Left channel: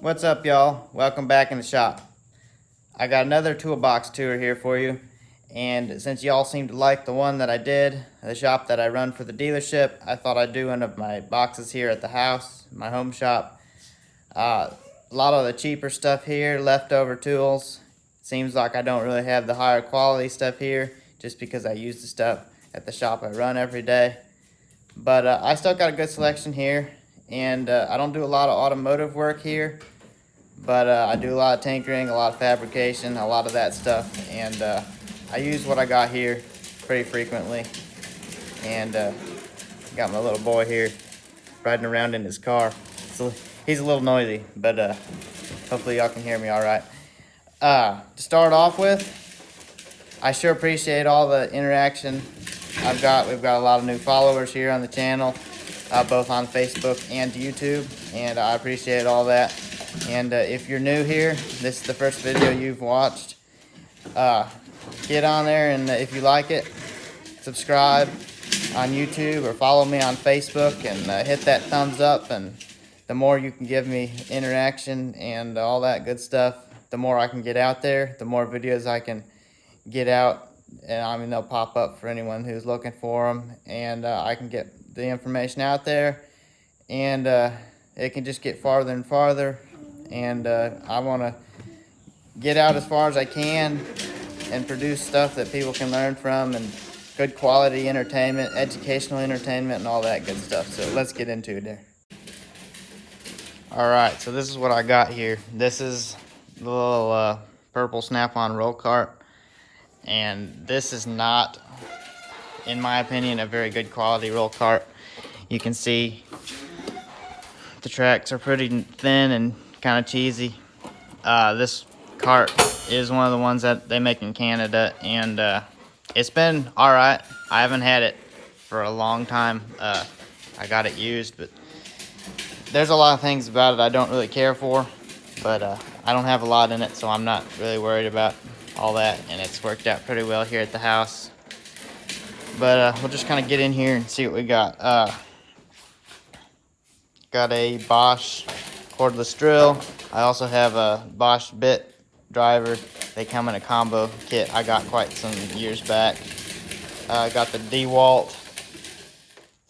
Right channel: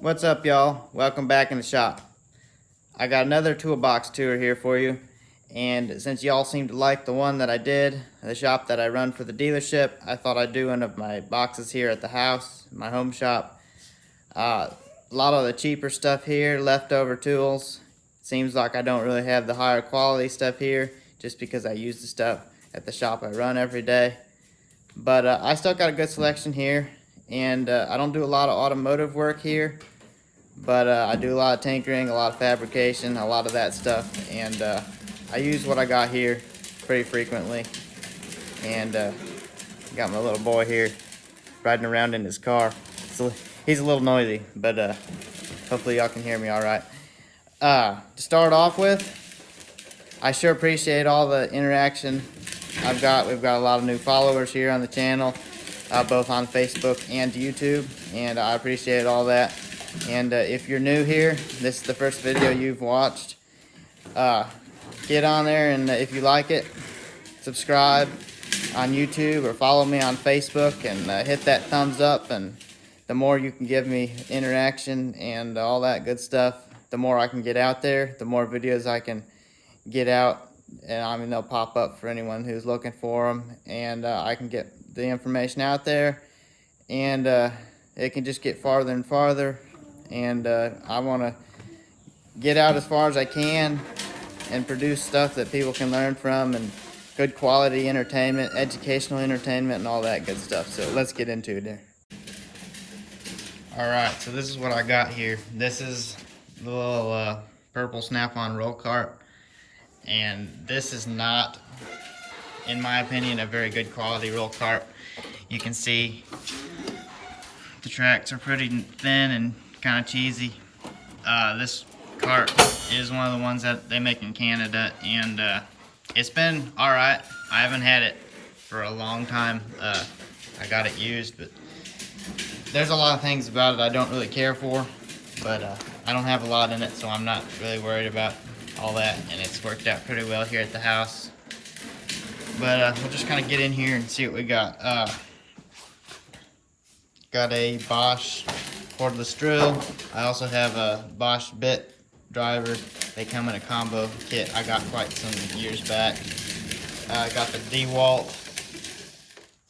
What's up, y'all? Welcome back in the shop. I got another toolbox tour here for you, and since y'all seem to like the one that I did, the shop that I run for the dealership, I thought I'd do one of my boxes here at the house, my home shop. A lot of the cheaper stuff here, leftover tools. Seems like I don't really have the higher quality stuff here, just because I use the stuff at the shop I run every day. But I still got a good selection here, and I don't do a lot of automotive work here, but I do a lot of tinkering, a lot of fabrication, a lot of that stuff, and I use what I got here pretty frequently. And got my little boy here riding around in his car, so he's a little noisy, but hopefully y'all can hear me all right. To start off with, I sure appreciate all the interaction we've got a lot of new followers here on the channel, both on Facebook and YouTube, and I appreciate all that. And if you're new here, this is the first video you've watched, get on there, and if you like it, subscribe on YouTube or follow me on Facebook, and hit that thumbs up. And the more you can give me interaction and all that good stuff, the more I can get out there, the more videos I can get out, and I mean they'll pop up for anyone who's looking for them, and I can get the information out there, and it can just get farther and farther. And I want to get out as far as I can and produce stuff that people can learn from, and good quality entertainment, educational entertainment, and all that good stuff. So let's get into it there. All right, so this is what I got here. This is the little purple snap-on roll cart. And this is not, in my opinion, a very good quality roll cart. You can see the tracks are pretty thin and kind of cheesy. This cart is one of the ones that they make in Canada, and it's been all right. I haven't had it for a long time. I got it used, but there's a lot of things about it I don't really care for, but I don't have a lot in it, so I'm not really worried about all that, and it's worked out pretty well here at the house. But we'll just kind of get in here and see what we got. Got a Bosch cordless drill. I also have a Bosch bit driver. They come in a combo kit I got quite some years back. I got the DeWalt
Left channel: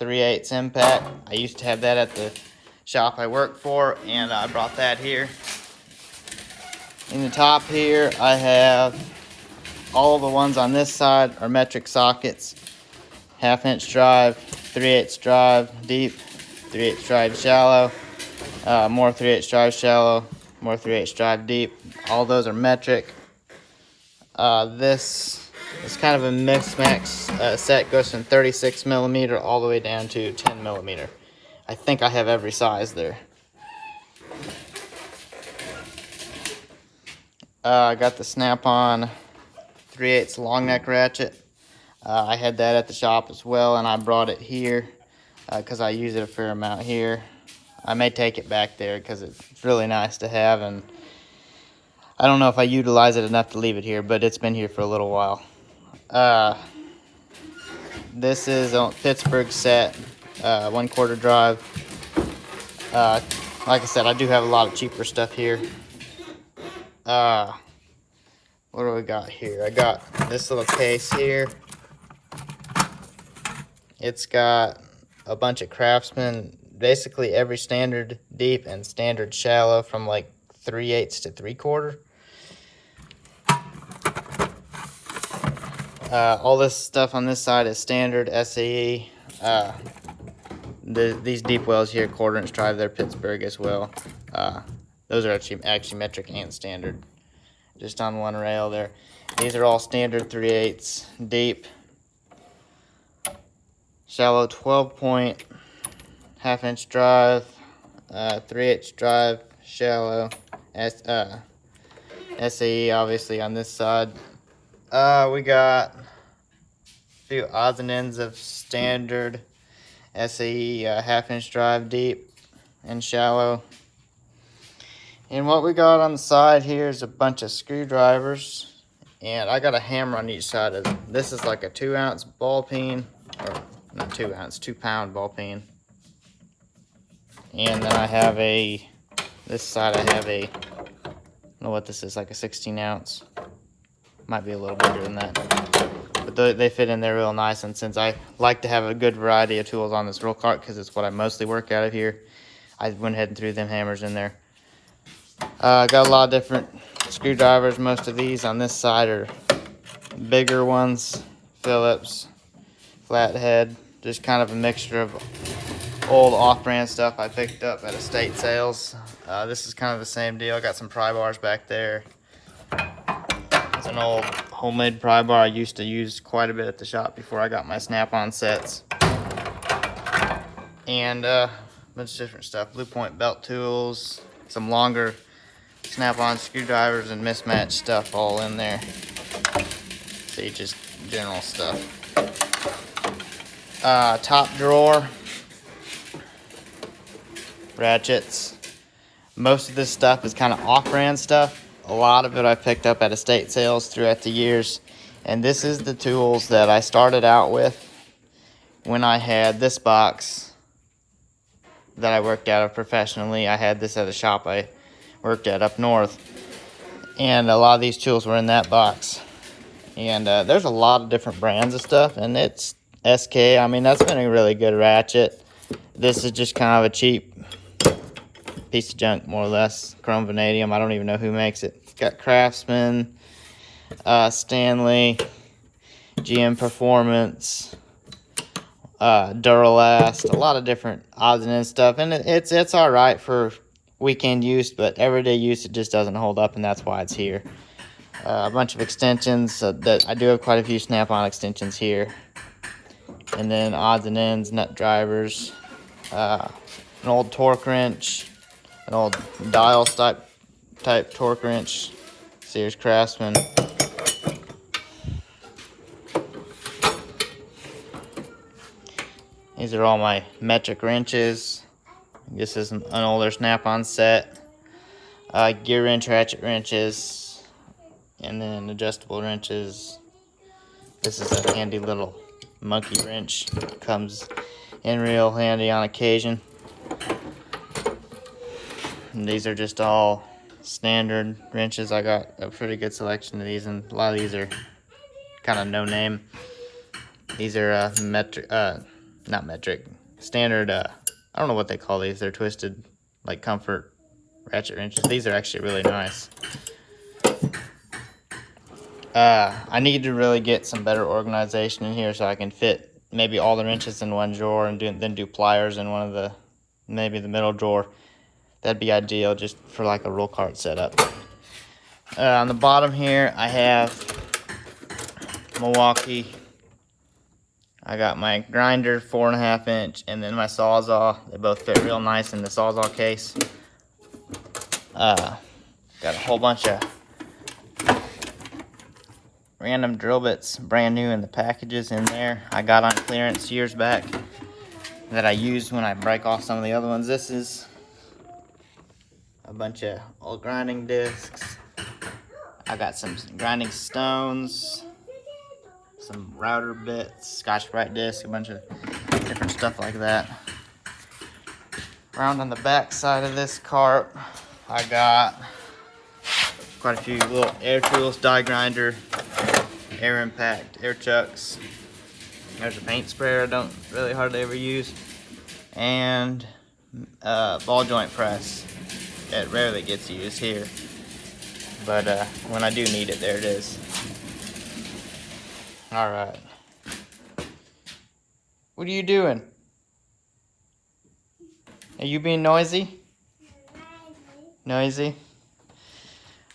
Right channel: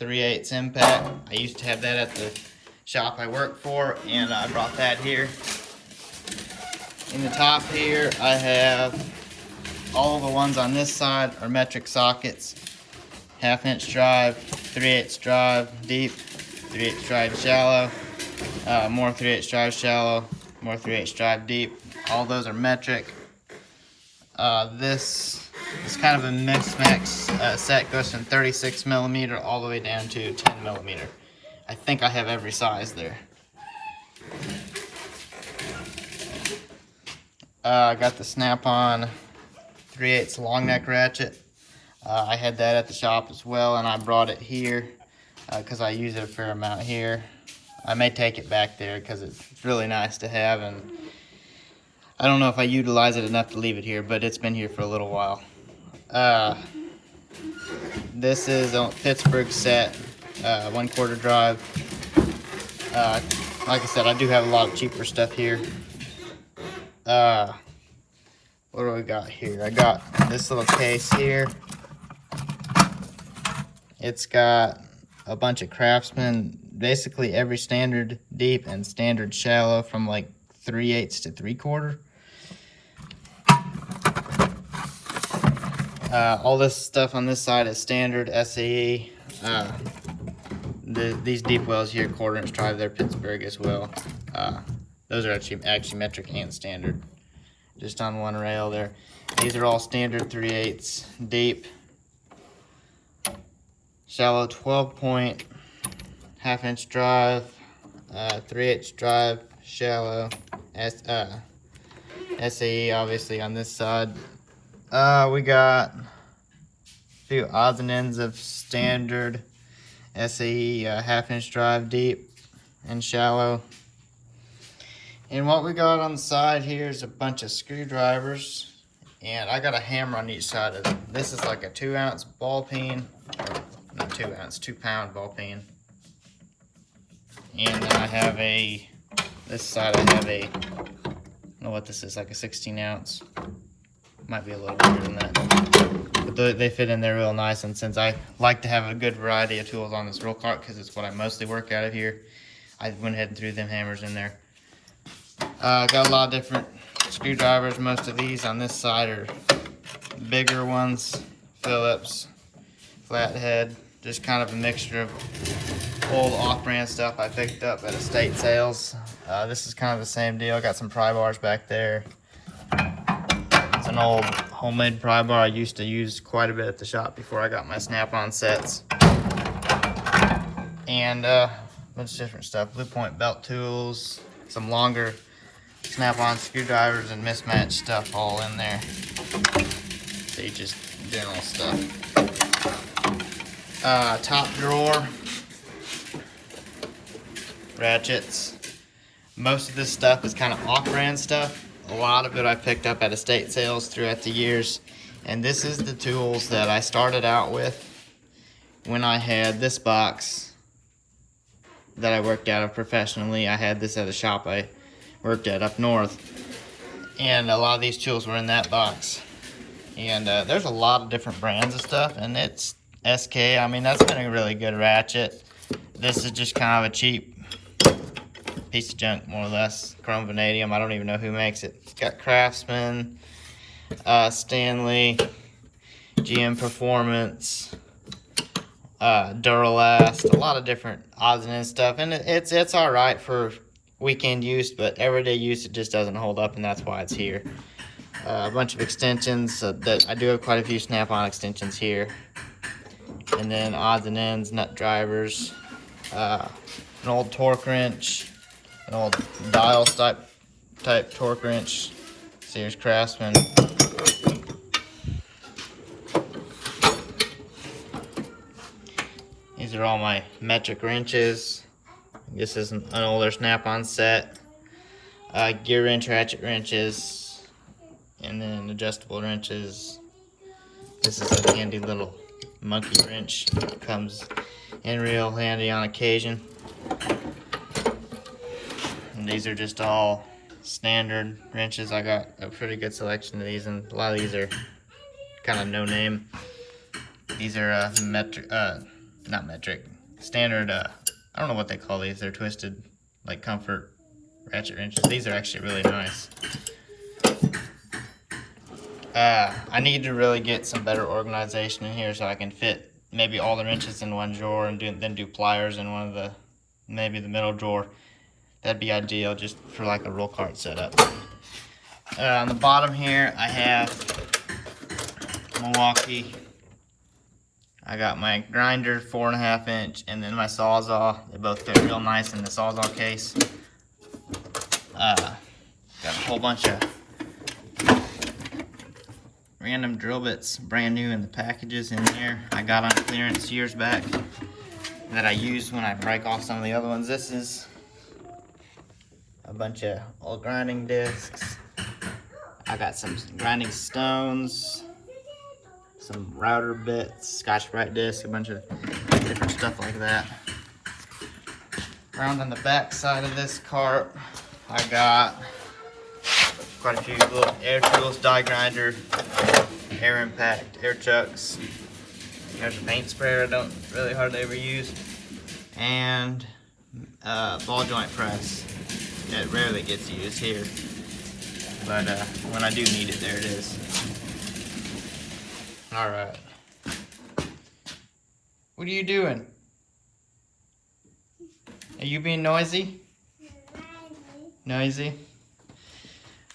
3/8 impact. I used to have that at the shop I work for, and I brought that here. In the top here, I have all the ones on this side are metric sockets. 1/2-inch drive, 3/8 drive deep, 3/8 drive shallow, more 3/8 drive shallow, more 3/8 drive deep. All those are metric. This is kind of a mix-max set, goes from 36mm all the way down to 10mm. I think I have every size there. I got the snap-on 3/8 long neck ratchet. I had that at the shop as well, and I brought it here because I use it a fair amount here. I may take it back there because it's really nice to have, and I don't know if I utilize it enough to leave it here, but it's been here for a little while. This is a Pittsburgh set, 1/4 drive. Like I said, I do have a lot of cheaper stuff here. What do we got here? I got this little case here. It's got a bunch of Craftsman, basically every standard deep and standard shallow from like 3/8 to 3/4. All this stuff on this side is standard SAE. These deep wells here, 1/4-inch drive, they're Pittsburgh as well. Those are actually metric and standard, just on one rail there. These are all standard 3/8 deep, shallow 12-point, 1/2-inch drive, 3/8 drive, shallow, SAE obviously on this side. We got a few odds and ends of standard SAE 1/2-inch drive deep and shallow. And what we got on the side here is a bunch of screwdrivers, and I got a hammer on each side of it. This is like a 2-ounce ball peen, or not 2 ounce, 2-pound ball peen. And then I have a This side I have a, I don't know what this is, like a 16 ounce. Might be a little bigger than that. But they fit in there real nice, and since I like to have a good variety of tools on this roll cart, because it's what I mostly work out of here, I went ahead and threw them hammers in there. I got a lot of different screwdrivers. Most of these on this side are bigger ones, Phillips, flathead, just kind of a mixture of old off-brand stuff I picked up at estate sales. This is kind of the same deal. Got some pry bars back there. It's an old homemade pry bar I used to use quite a bit at the shop before I got my snap-on sets. And a bunch of different stuff. Blue point belt tools, some longer snap-on screwdrivers and mismatched stuff all in there. See, just general stuff. Top drawer, ratchets. Most of this stuff is kind of off-brand stuff. A lot of it I picked up at estate sales throughout the years. And this is the tools that I started out with when I had this box that I worked out of professionally. I had this at a shop I worked at up north. And a lot of these tools were in that box. And there's a lot of different brands of stuff. And it's SK. I mean, that's been a really good ratchet. This is just kind of a cheap piece of junk, more or less. Chrome vanadium. I don't even know who makes it. It's got Craftsman, Stanley, GM Performance, Duralast, a lot of different odds and ends stuff. And it's all right for weekend use, but everyday use it just doesn't hold up, and that's why it's here. A bunch of extensions that I do have quite a few snap-on extensions here. And then odds and ends, nut drivers, an old torque wrench, an old dial type torque wrench, Sears Craftsman. These are all my metric wrenches. This is an older snap-on set. Gear wrench, ratchet wrenches, and then adjustable wrenches. This is a handy little monkey wrench. Comes in real handy on occasion. And these are just all standard wrenches. I got a pretty good selection of these, and a lot of these are kind of no name. These are not metric, standard, I don't know what they call these. They're twisted, like comfort ratchet wrenches. These are actually really nice. I need to really get some better organization in here so I can fit maybe all the wrenches in one drawer and then do pliers in one of the, maybe the middle drawer. That'd be ideal just for like a roll cart setup. On the bottom here, I have Milwaukee. I got my grinder, 4.5 inch, and then my Sawzall. They both fit real nice in the Sawzall case. Got a whole bunch of random drill bits, brand new in the packages in there. I got on clearance years back that I use when I break off some of the other ones. This is a bunch of old grinding discs. I got some grinding stones, some router bits, Scotch-Brite discs, a bunch of different stuff like that. Around on the back side of this cart, I got quite a few little air tools, die grinder, air impact, air chucks. There's a paint sprayer I don't really hardly ever use, and ball joint press. It rarely gets used here, but when I do need it, there it is. All right. What are you doing? Are you being noisy? Noisy?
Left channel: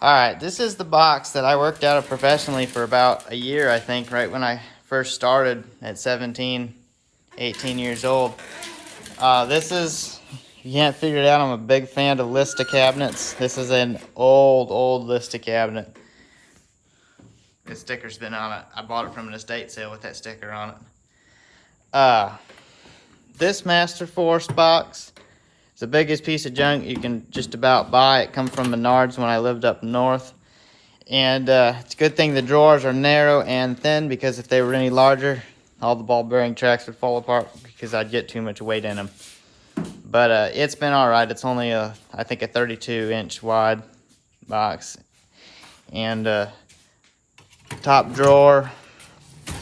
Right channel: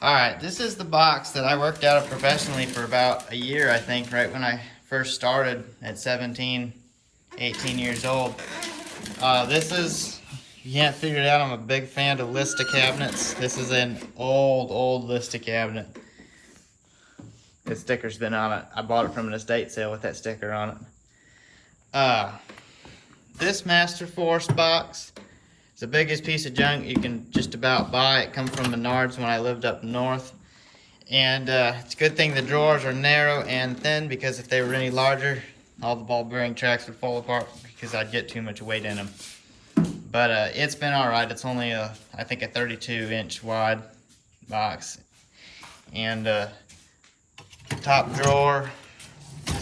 All right, this is the box that I worked out of professionally for about a year, I think, right when I first started at 17, 18 years old. This is, you can't figure it out, I'm a big fan of Lista cabinets. This is an old Lista cabinet. The sticker's been on it. I bought it from an estate sale with that sticker on it. This Master Force box is the biggest piece of junk you can just about buy. It comes from Menards when I lived up north. And it's a good thing the drawers are narrow and thin, because if they were any larger, all the ball bearing tracks would fall apart because I'd get too much weight in them. But it's been all right. It's only I think a 32-inch wide box. And top drawer, a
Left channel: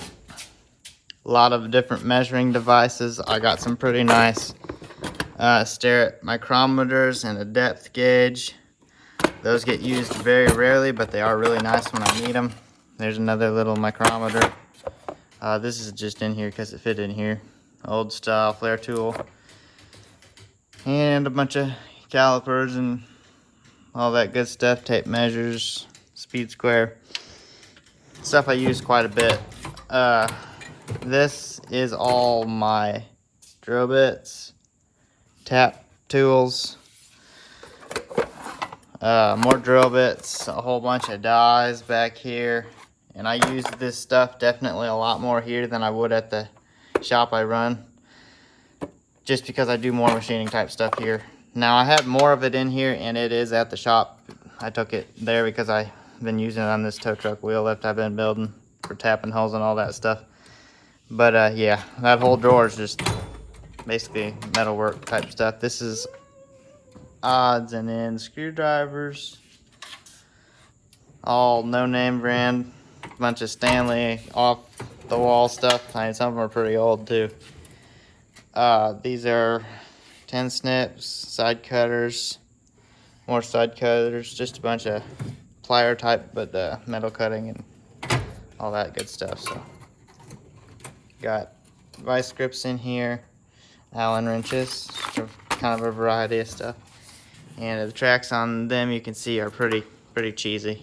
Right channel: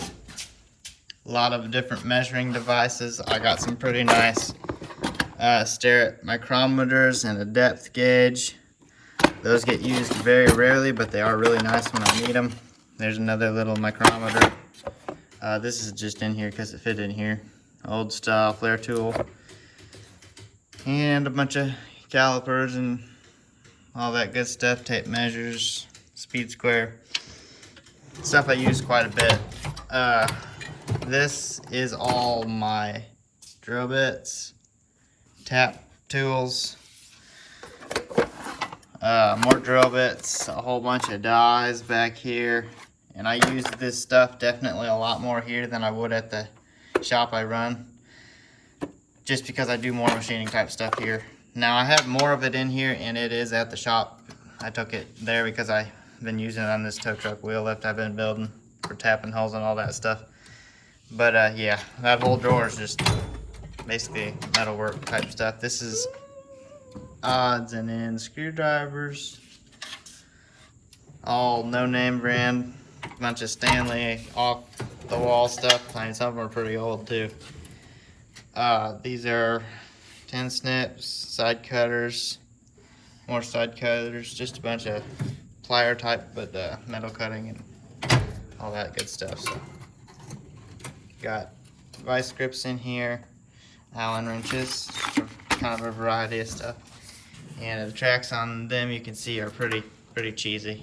lot of different measuring devices. I got some pretty nice Starrett micrometers and a depth gauge. Those get used very rarely, but they are really nice when I need them. There's another little micrometer. This is just in here because it fit in here. Old style flare tool. And a bunch of calipers and all that good stuff. Tape measures, speed square. Stuff I use quite a bit. This is all my drill bits, tap tools, more drill bits, a whole bunch of dies back here. And I use this stuff definitely a lot more here than I would at the shop I run, just because I do more machining type stuff here. Now I have more of it in here, and it is at the shop. I took it there because I've been using it on this tow truck wheel lift I've been building for tapping holes and all that stuff. But yeah, that whole drawer is just basically metalwork type stuff. This is odds and ends screwdrivers, all no-name brand, bunch of Stanley off the wall stuff. I mean, some of them are pretty old too. These are 10 snips, side cutters, more side cutters, just a bunch of plier type, but metal cutting and all that good stuff. So got vice grips in here, Allen wrenches, kind of a variety of stuff. And the tracks on them, you can see, are pretty cheesy.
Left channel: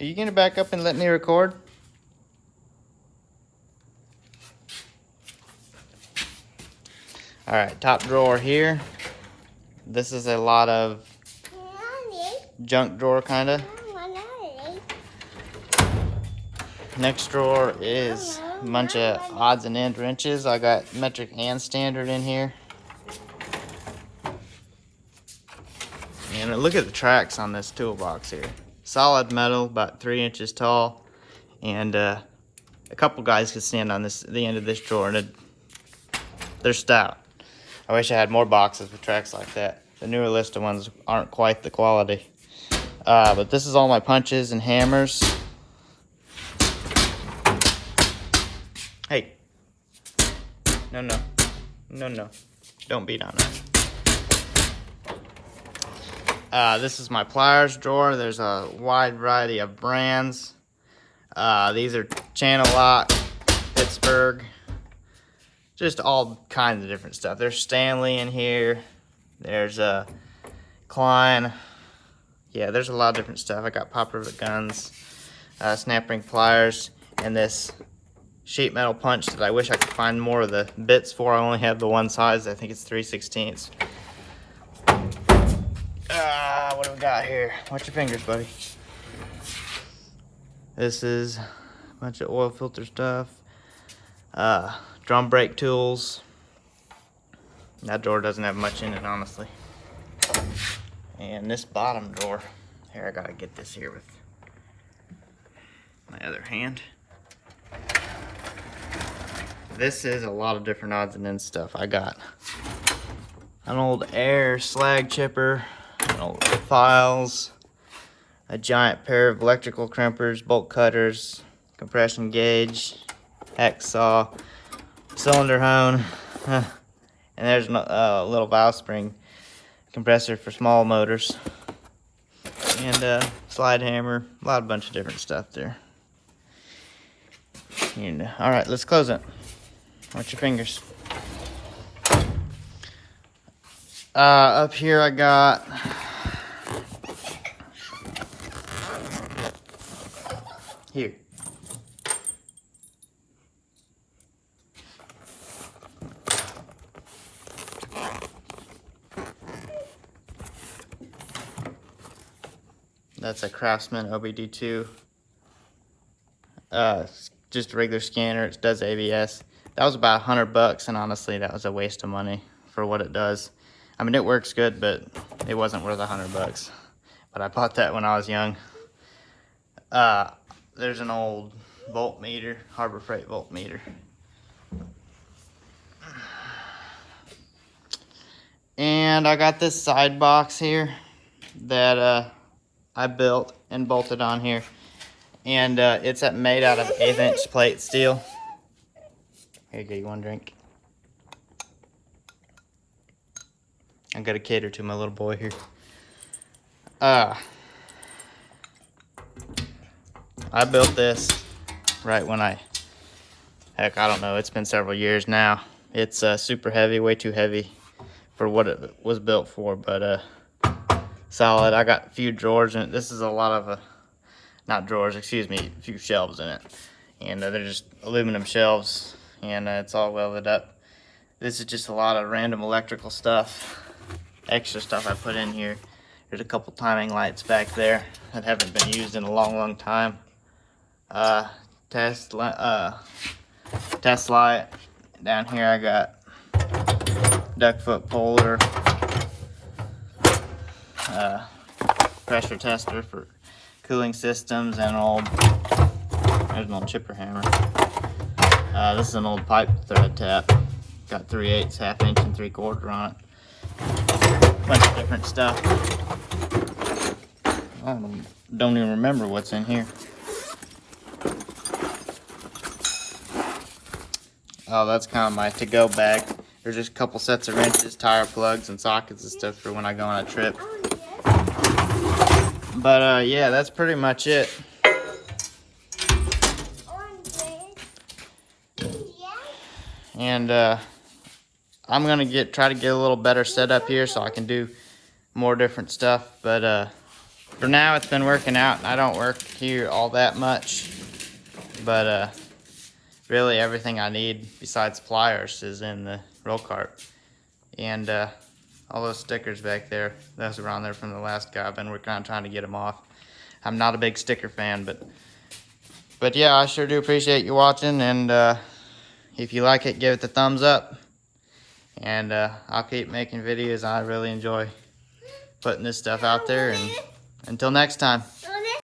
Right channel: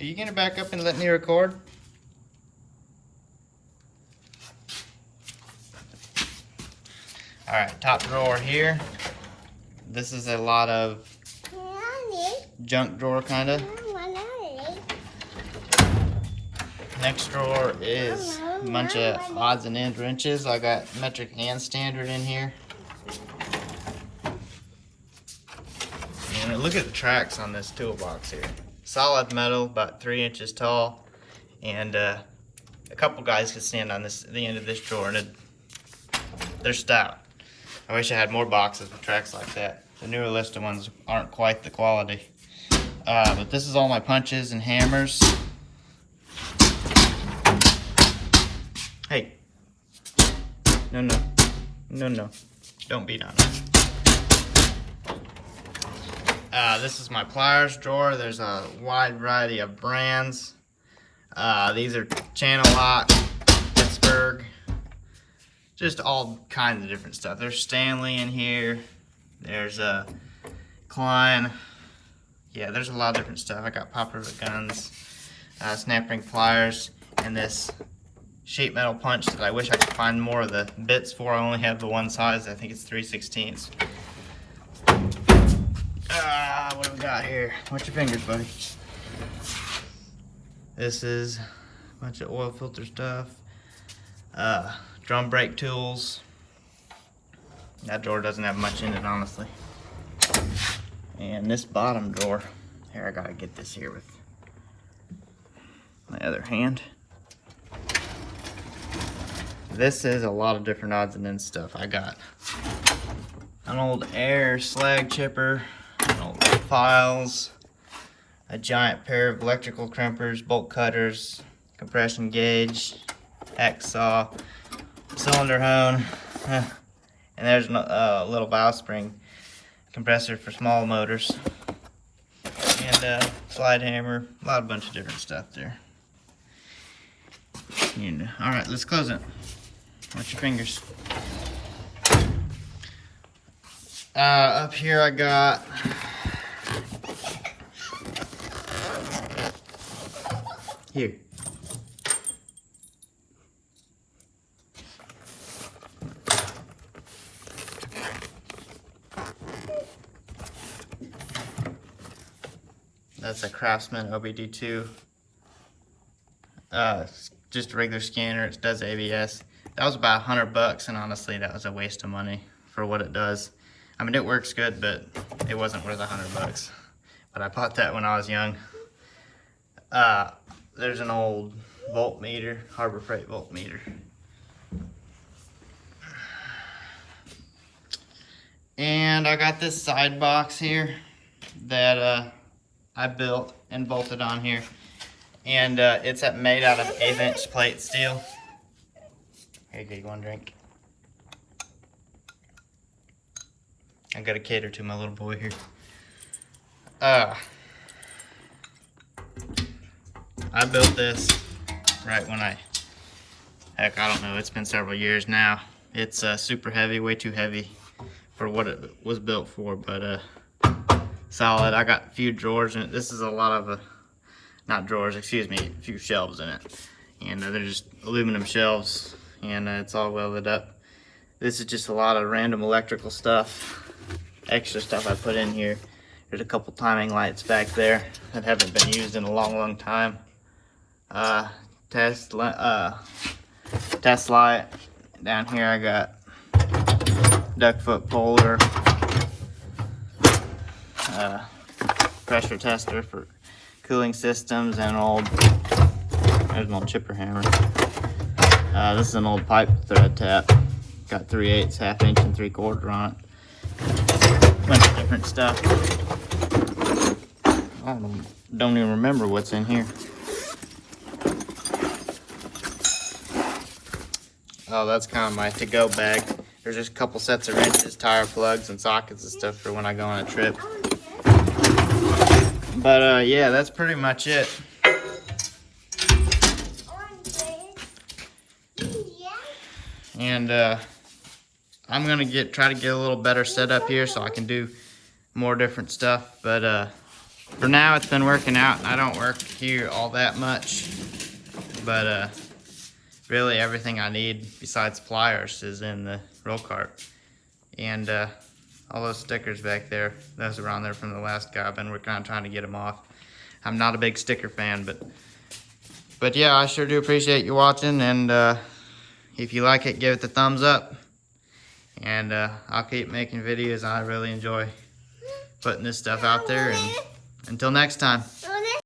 Are you gonna back up and let me record? All right, top drawer here. This is a lot of junk drawer, kinda. Next drawer is a bunch of odds and end wrenches. I got metric and standard in here. And look at the tracks on this toolbox here. Solid metal, about 3 inches tall. And a couple guys could stand on the end of this drawer, and they're stout. I wish I had more boxes with tracks like that. The newer Lista ones aren't quite the quality. But this is all my punches and hammers. Hey. No. Don't beat on it. This is my pliers drawer. There's a wide variety of brands. These are Channel Lock, Pittsburgh, just all kinds of different stuff. There's Stanley in here. There's Klein. Yeah, there's a lot of different stuff. I got Pop Rivet guns, snap ring pliers, and this sheet metal punch that I wish I could find more of the bits for. I only have the one size. I think it's 3/16. What do we got here? Watch your fingers, buddy. This is a bunch of oil filter stuff. Drum brake tools. That drawer doesn't have much in it, honestly. And this bottom drawer, here, I gotta get this here with my other hand. This is a lot of different odds and ends stuff. I got an old air slag chipper, an old files, a giant pair of electrical crimpers, bolt cutters, compression gauge, hex saw, cylinder hone, and there's a little valve spring compressor for small motors, and a slide hammer, a bunch of different stuff there. And, all right, let's close it. Watch your fingers. Up here I got here. That's a Craftsman OBD2. Just a regular scanner. It does ABS. That was about $100, and honestly, that was a waste of money for what it does. I mean, it works good, but it wasn't worth $100. But I bought that when I was young. There's an old voltmeter, Harbor Freight voltmeter. And I got this side box here that I built and bolted on here. And it's made out of 1/8" plate steel. Here you go, you want a drink? I gotta cater to my little boy here. I built this right when heck, I don't know, it's been several years now. It's super heavy, way too heavy for what it was built for, but solid. I got a few drawers in it. This is a lot of, not drawers, excuse me, a few shelves in it. And they're just aluminum shelves, and it's all welded up. This is just a lot of random electrical stuff, extra stuff I put in here. There's a couple timing lights back there that haven't been used in a long time. Test light. Down here I got duck foot puller, pressure tester for cooling systems, and there's an old chipper hammer. This is an old pipe thread tap. Got 3/8, 1/2 inch, and 3/4 on it. Bunch of different stuff. I don't even remember what's in here. Oh, that's kind of my to-go bag. There's just a couple sets of wrenches, tire plugs, and sockets and stuff for when I go on a trip. But yeah, that's pretty much it. And I'm gonna try to get a little better setup here so I can do more different stuff. But for now, it's been working out, and I don't work here all that much. But really, everything I need besides pliers is in the roll cart. And all those stickers back there, those are on there from the last guy. I've been working on trying to get them off. I'm not a big sticker fan, but yeah, I sure do appreciate you watching. And if you like it, give it the thumbs up. And I'll keep making videos. I really enjoy putting this stuff out there. And until next time.